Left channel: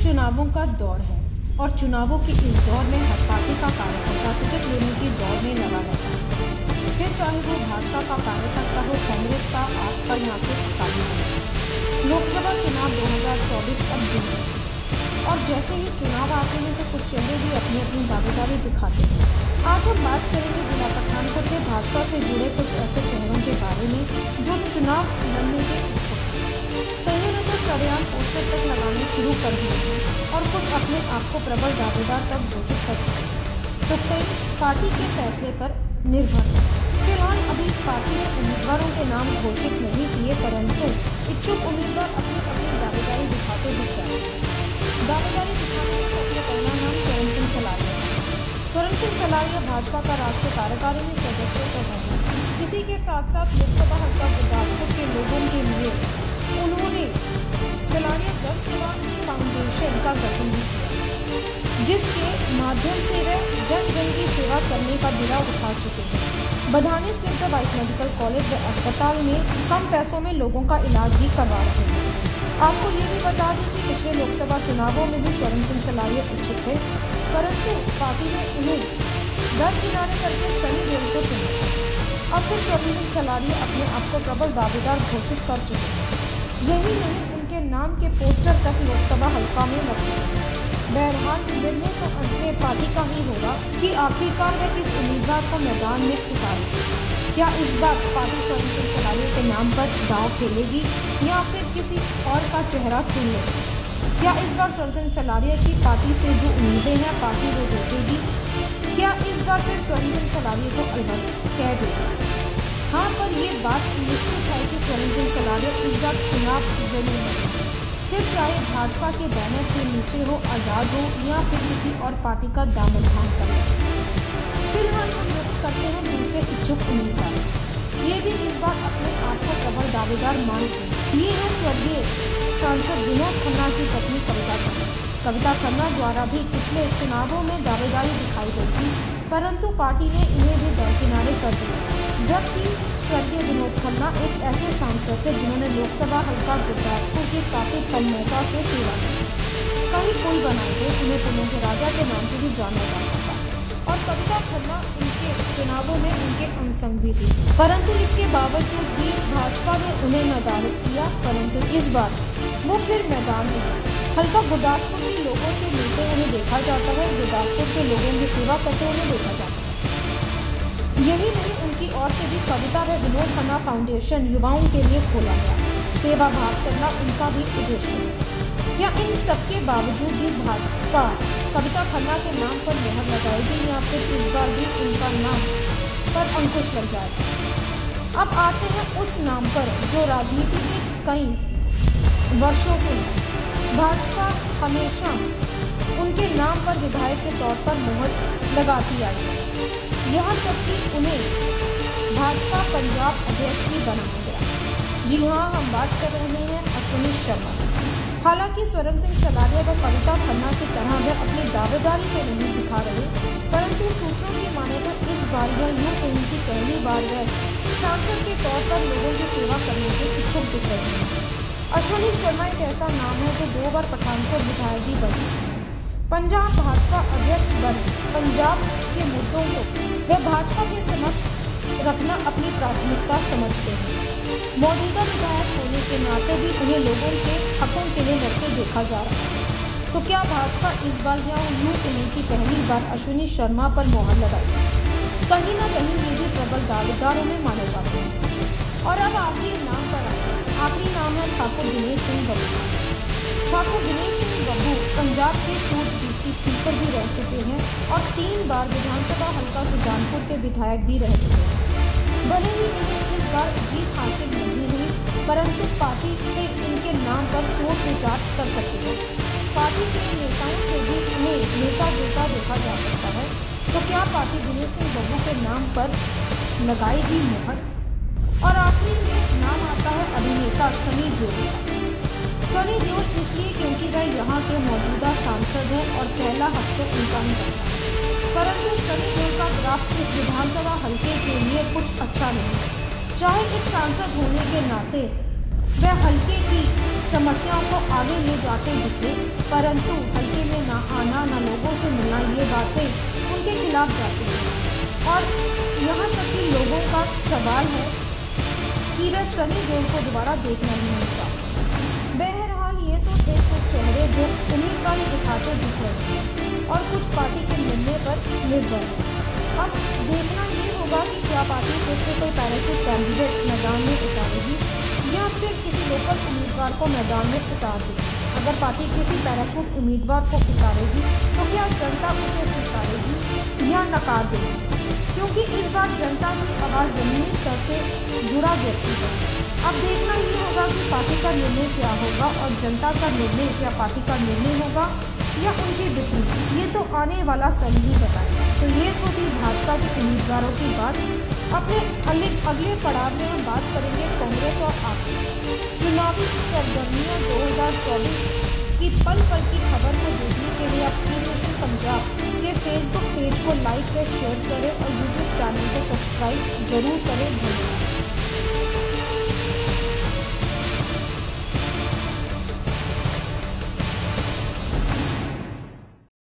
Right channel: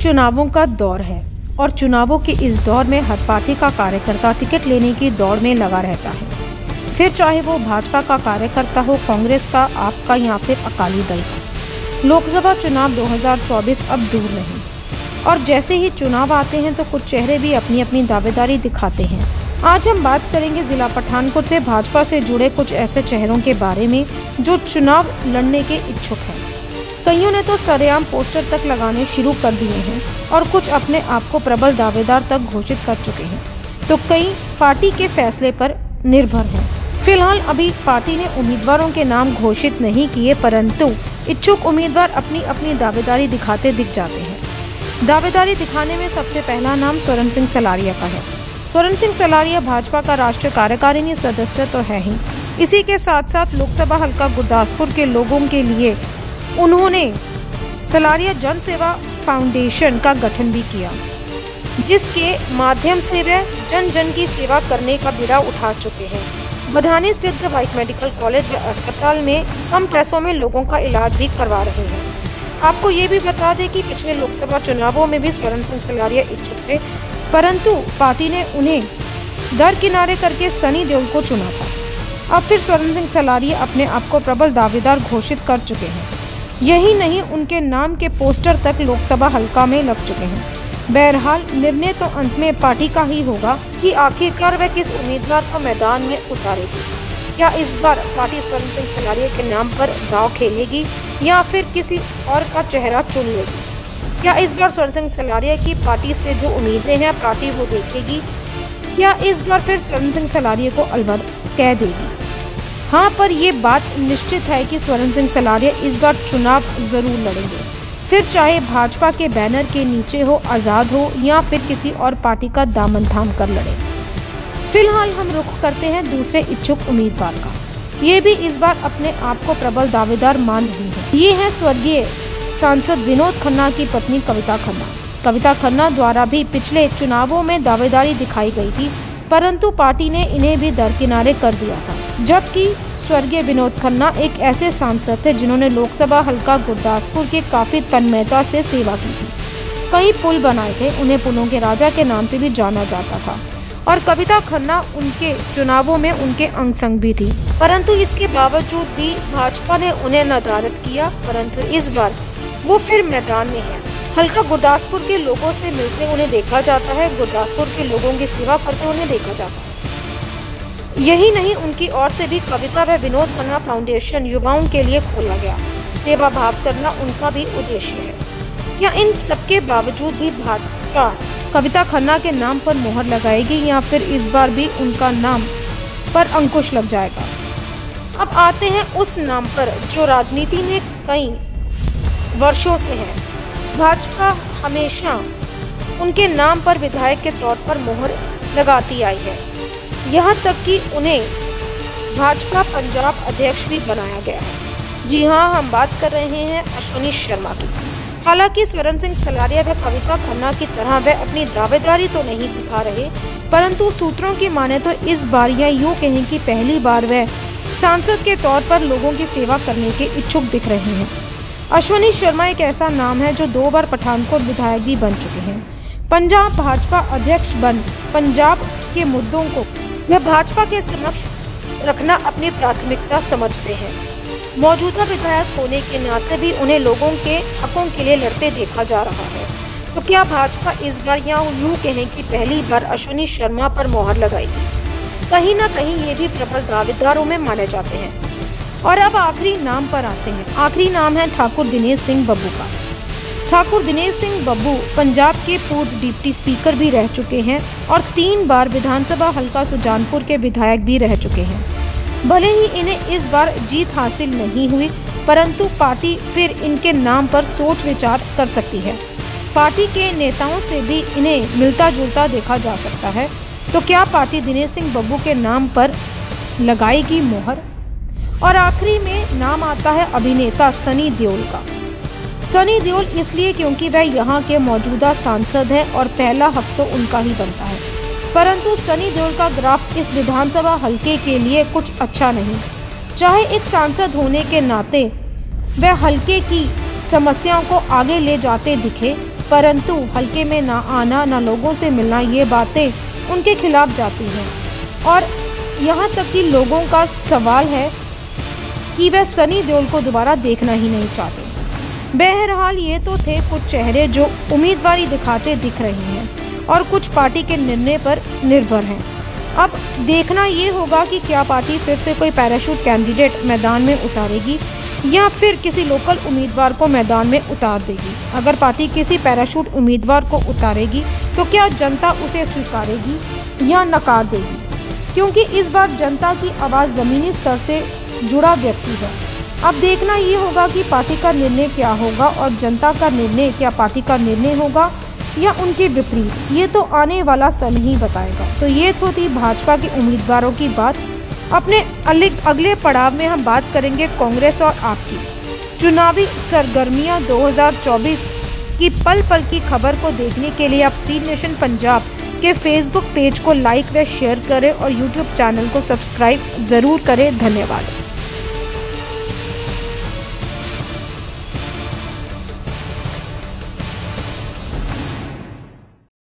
चुनावों का दौर है और चुनावों के इस दौर में हर पार्टी का कार्यकर्ता टिकट लेने की दौड़ में लगा रहता है। फिर चाहे वो भाजपा का कार्यकर्ता हो, कांग्रेस का, आपका या फिर अकाली दल। लोकसभा चुनाव 2024 अब दूर है और जैसे ही चुनाव आते हैं तो कुछ चेहरे भी अपनी अपनी दावेदारी दिखाते हैं। आज हम बात करेंगे जिला पठानकोट से भाजपा से जुड़े कुछ ऐसे चेहरों के बारे में जो चुनाव लड़ने के इच्छुक हैं। कईयों ने तो सरेआम पोस्टर तक लगाने शुरू कर दिए हैं और कुछ अपने आप को प्रबल दावेदार तक घोषित कर चुके हैं, तो कई पार्टी के फैसले पर निर्भर हैं। फिलहाल अभी पार्टी ने उम्मीदवारों के नाम घोषित नहीं किए, परंतु इच्छुक उम्मीदवार अपनी अपनी दावेदारी दिखाते दिख जाते हैं। दावेदारी दिखाने में सबसे पहला नाम स्वरण सिंह सलारिया का है। स्वरण सिंह सलारिया भाजपा का राष्ट्रीय कार्यकारिणी सदस्य तो है ही, इसी के साथ साथ लोकसभा हल्का गुरदासपुर के लोगों के लिए उन्होंने सलारिया जन सेवा फाउंडेशन का गठन भी किया, जिसके माध्यम से वे जन जन की सेवा करने का बीड़ा उठा चुके हैं। बधानी स्थित वाइट मेडिकल कॉलेज अस्पताल में कम पैसों में लोगों का इलाज भी करवा रहे हैं। आपको ये भी बता दें कि पिछले लोकसभा चुनावों में भी स्वरण सिंह सलारिया इच्छुक थे, परंतु पार्टी ने उन्हें दरकिनारे करके सनी देओल को चुना था। अब फिर स्वरण सिंह सलारिया अपने आप को प्रबल दावेदार घोषित कर चुके हैं। यही नहीं, उनके नाम के पोस्टर तक लोकसभा हल्का में लग चुके हैं। बहरहाल निर्णय तो अंत में पार्टी का ही होगा कि आखिरकार वह किस उम्मीदवार को मैदान में उतारेगी। क्या इस बार पार्टी स्वरण सिंह सलारिया के नाम पर दांव खेलेगी या फिर किसी और का चेहरा चुन लेगी? क्या इस बार स्वरण सिंह सलारिया की पार्टी से जो उम्मीदें हैं पार्टी वो देखेगी? क्या इस बार फिर स्वरण सिंह सलारिया को अलविदा कह देगी? हाँ, पर ये बात निश्चित है कि स्वरण सिंह सलारिया इस बार चुनाव जरूर लड़ेंगे, फिर चाहे भाजपा के बैनर के नीचे हो, आज़ाद हो या फिर किसी और पार्टी का दामन थाम कर लड़े। फिलहाल हम रुख करते हैं दूसरे इच्छुक उम्मीदवार का। ये भी इस बार अपने आप को प्रबल दावेदार मान रही है। ये है स्वर्गीय सांसद विनोद खन्ना की पत्नी कविता खन्ना। कविता खन्ना द्वारा भी पिछले चुनावों में दावेदारी दिखाई गई थी, परंतु पार्टी ने इन्हें भी दरकिनारे कर दिया था। जबकि स्वर्गीय विनोद खन्ना एक ऐसे सांसद थे जिन्होंने लोकसभा हल्का गुरदासपुर की काफी तन्मयता से सेवा की थी। कई पुल बनाए थे, उन्हें पुलों के राजा के नाम से भी जाना जाता था और कविता खन्ना उनके चुनावों में उनके अंग संग भी थी। परंतु इसके बावजूद भी भाजपा ने उन्हें नदारद किया, परंतु इस बार वो फिर मैदान में है। हल्का गुरदासपुर के लोगों से मिलते उन्हें देखा जाता है, गुरदासपुर के लोगों की सेवा करते उन्हें देखा जाता है। यही नहीं, उनकी ओर से भी कविता व विनोद खन्ना फाउंडेशन युवाओं के लिए खोला गया। सेवा भाव करना उनका भी उद्देश्य है। या इन सबके बावजूद भी भाजपा कविता खन्ना के नाम पर मोहर लगाएगी या फिर इस बार भी उनका नाम पर अंकुश लग जाएगा? अब आते हैं उस नाम पर जो राजनीति में कई वर्षों से है। भाजपा हमेशा उनके नाम पर विधायक के तौर पर मोहर लगाती आई है, यहाँ तक कि उन्हें भाजपा पंजाब अध्यक्ष भी बनाया गया। जी हाँ, हम बात कर रहे हैं अश्विनी शर्मा की। हालांकि स्वरण सिंह सलारिया व कविता खन्ना की तरह वह अपनी दावेदारी तो नहीं दिखा रहे, परंतु सूत्रों की माने तो इस बार या यूँ कहें कि पहली बार वह सांसद के तौर पर लोगों की सेवा करने के इच्छुक दिख रहे हैं। अश्विनी शर्मा एक ऐसा नाम है जो 2 बार पठानकोट विधायक भी बन चुके हैं। पंजाब भाजपा अध्यक्ष बन पंजाब के मुद्दों को वह भाजपा के समक्ष रखना अपनी प्राथमिकता समझते हैं। मौजूदा विधायक होने के नाते भी उन्हें लोगों के हकों के लिए लड़ते देखा जा रहा है। तो क्या भाजपा इस बार या यूँ कहें कि पहली बार अश्विनी शर्मा पर मोहर लगाएगी? कहीं ना कहीं ये भी प्रबल दावेदारों में माने जाते हैं। और अब आखिरी नाम पर आते हैं। आखिरी नाम है ठाकुर दिनेश सिंह बब्बू का। ठाकुर दिनेश सिंह बब्बू पंजाब के पूर्व डिप्टी स्पीकर भी रह चुके हैं और 3 बार विधानसभा हल्का सुजानपुर के विधायक भी रह चुके हैं। भले ही इन्हें इस बार जीत हासिल नहीं हुई, परंतु पार्टी फिर इनके नाम पर सोच विचार कर सकती है। पार्टी के नेताओं से भी इन्हें मिलता जुलता देखा जा सकता है। तो क्या पार्टी दिनेश सिंह बब्बू के नाम पर लगाएगी मोहर? और आखिरी में नाम आता है अभिनेता सनी देओल का। सनी देओल इसलिए क्योंकि वह यहाँ के मौजूदा सांसद हैं और पहला हक तो उनका ही बनता है। परंतु सनी देओल का ग्राफ इस विधानसभा हल्के के लिए कुछ अच्छा नहीं। चाहे एक सांसद होने के नाते वह हल्के की समस्याओं को आगे ले जाते दिखे, परंतु हल्के में ना आना, ना लोगों से मिलना, ये बातें उनके खिलाफ जाती हैं। और यहाँ तक कि लोगों का सवाल है कि वह सनी देओल को दोबारा देखना ही नहीं चाहते। बहरहाल ये तो थे कुछ चेहरे जो उम्मीदवारी दिखाते दिख रहे हैं और कुछ पार्टी के निर्णय पर निर्भर हैं। अब देखना ये होगा कि क्या पार्टी फिर से कोई पैराशूट कैंडिडेट मैदान में उतारेगी या फिर किसी लोकल उम्मीदवार को मैदान में उतार देगी। अगर पार्टी किसी पैराशूट उम्मीदवार को उतारेगी तो क्या जनता उसे स्वीकारेगी या नकार देगी, क्योंकि इस बार जनता की आवाज़ ज़मीनी स्तर से जुड़ा व्यक्ति है। अब देखना ये होगा कि पार्टी का निर्णय क्या होगा और जनता का निर्णय क्या पार्टी का निर्णय होगा या उनके विपरीत, ये तो आने वाला समय ही बताएगा। तो ये तो थी भाजपा के उम्मीदवारों की बात। अपने अगले पड़ाव में हम बात करेंगे कांग्रेस और आप की चुनावी सरगर्मियां 2024 की पल पल की खबर को देखने के लिए आप स्पीड नेशन पंजाब के फेसबुक पेज को लाइक व शेयर करें और यूट्यूब चैनल को सब्सक्राइब ज़रूर करें। धन्यवाद।